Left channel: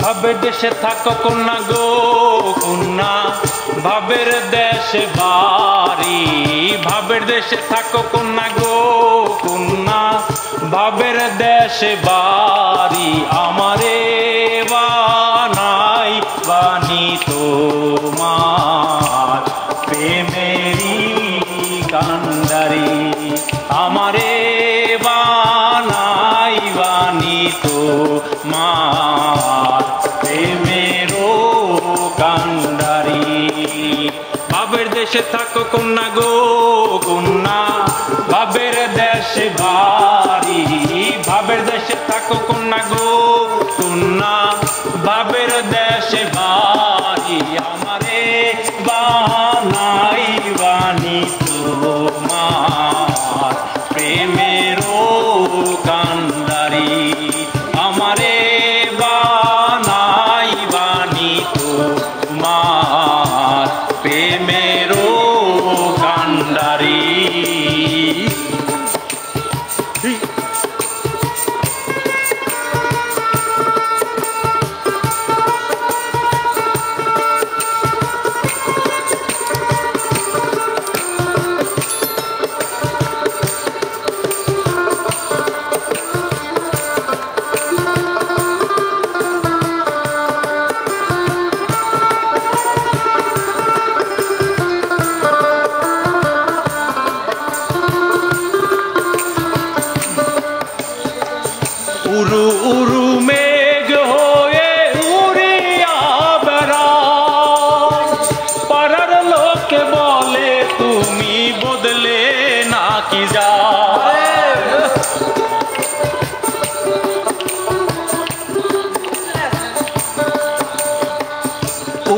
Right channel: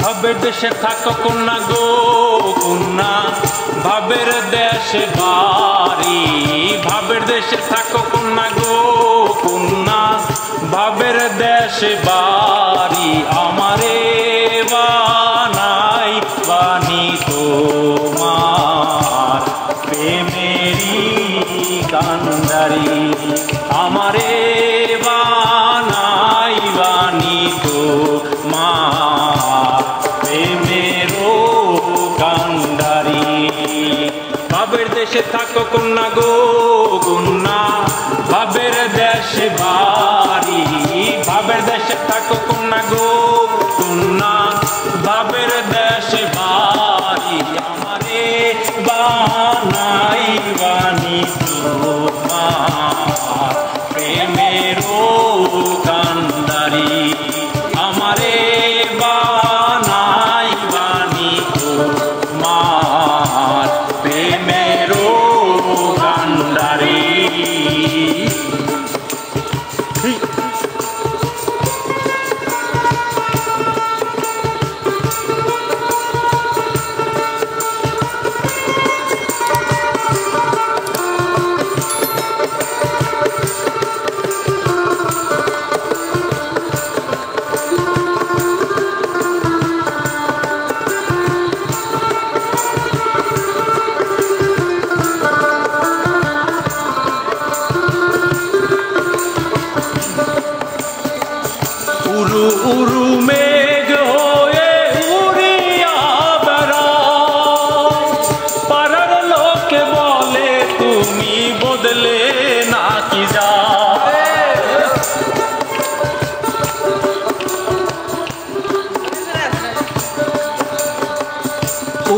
ভাবের দেশে থাকো কন্যা গো কন্যা, ভাবের দেশে বাড়ি। ভাবের দেশে থাকো কন্যা গো কন্যা, ভাবের দেশে বাড়ি। আমারে বানাই বানি তোমার প্রেমেরি কান্ডারি। আমারে বানাই বানি তোমার প্রেমেরও কান্ডারি। ভাবের দেশে থাকো কন্যা গো কন্যা, ভাবের দেশে বাড়ি। ভাবের দেশে থাকো কন্যা গো কন্যা, ভাবের দেশে বাড়ি। আমারে বানাই বানি তোমার প্রেমেরও কান্ডারি। আমারে বানাই বানি তোমার প্রেমেরও কান্ডারি। উরু উরু মেঘ হয়ে উড়িয়া বেড়াও, পাড়ার লোকে বলে তুমি বদলে নাকি যাও।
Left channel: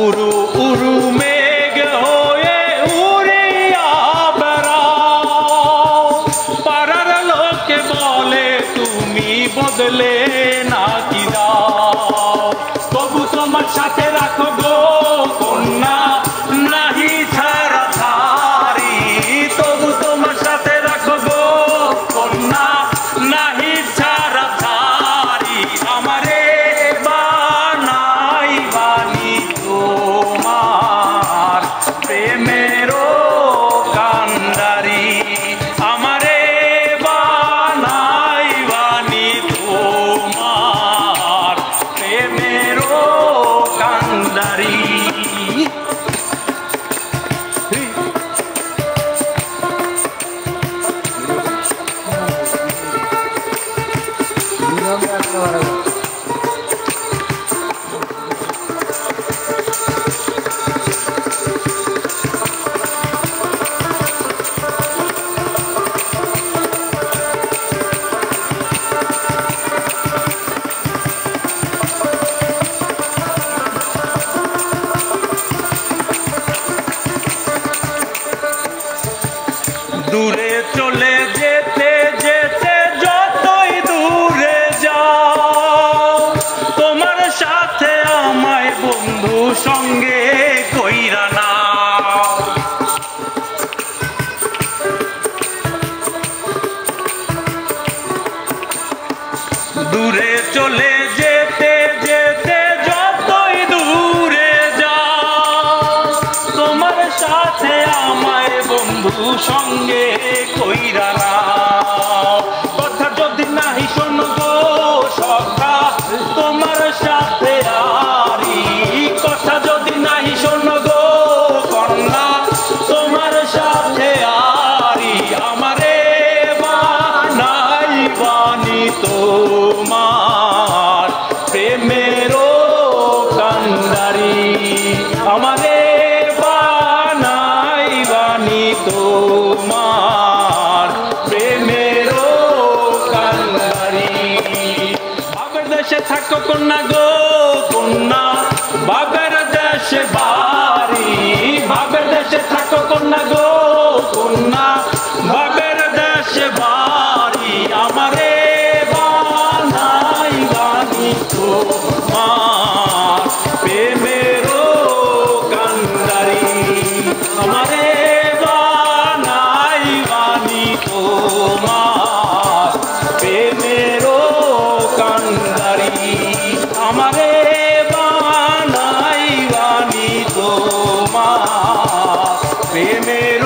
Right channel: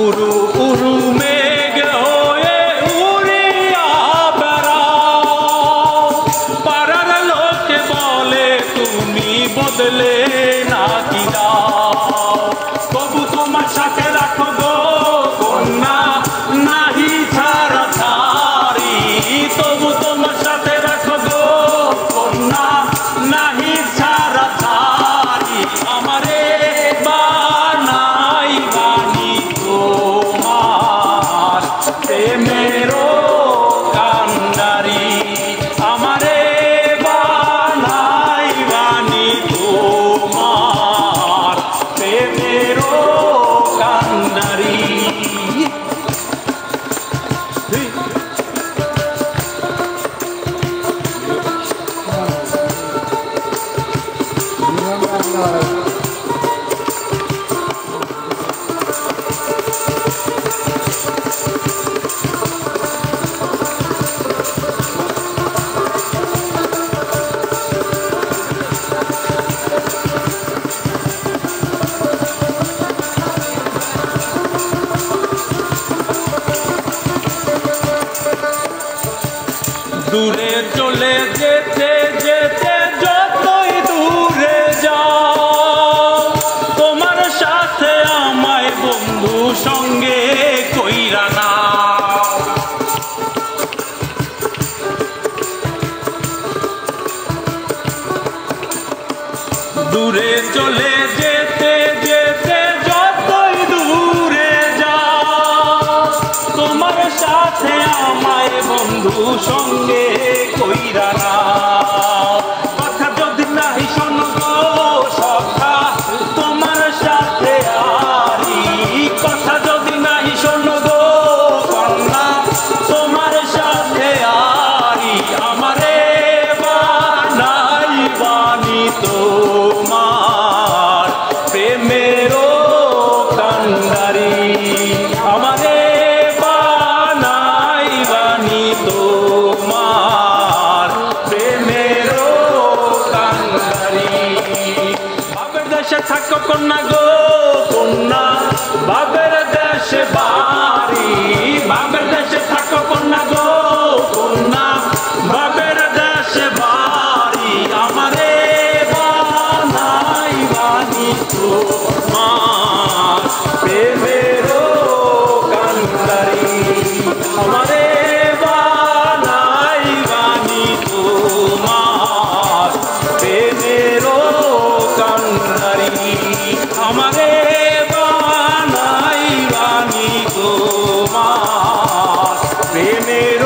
উরু উরু মেঘ হয়ে উড়িয়া বেড়াও, পাড়ার লোকে বলে তুমি বদলে নাকি যাও। তবু তোমার সাথে রাখো গো কন্যা নাহি ছাড়া ছাড়ি। তবু তোমার সাথে রাখো গো কন্যা নাহি ছাড়া ছাড়ি। আমারে বানাই বানি তোমার প্রেমেরও কান্ডারি। আমারে বানাই বানি তোমার প্রেমেরও কান্ডারি। দূরে চলে যেতে যেতে যতই দূরে যাও, তোমার সাথে আমায় বন্ধু সঙ্গে কইরা নাও। দূরে চলে যেতে যেতে যতই দূরে যাও, তোমার সাথে আমায় বন্ধু সঙ্গে কইরা নাও। কথা যদি নাহি শোনো গো সখা তোমার সাথে আরি। কথা যদি নাহি শোনো গো কন্যা তোমার সাথে আরি। আমারে বানাই বানি তোমার প্রেমেরও কান্ডারি। আমারে বানাই বানি তোমার প্রেমেরও কান্ডারি। ভাবের দেশে থাকো কন্যা গো কন্যা, ভাবের দেশে বাড়ি। ভাবের দেশে থাকো কন্যা গো কন্যা, ভাবের দেশে বাড়ি। আমারে বানাই বানি তোমার প্রেমেরও কান্ডারি। আমারে বানাই বানি তোমার প্রেমেরও কান্ডারি। আমারে বানাই বাণী তোমার প্রেমের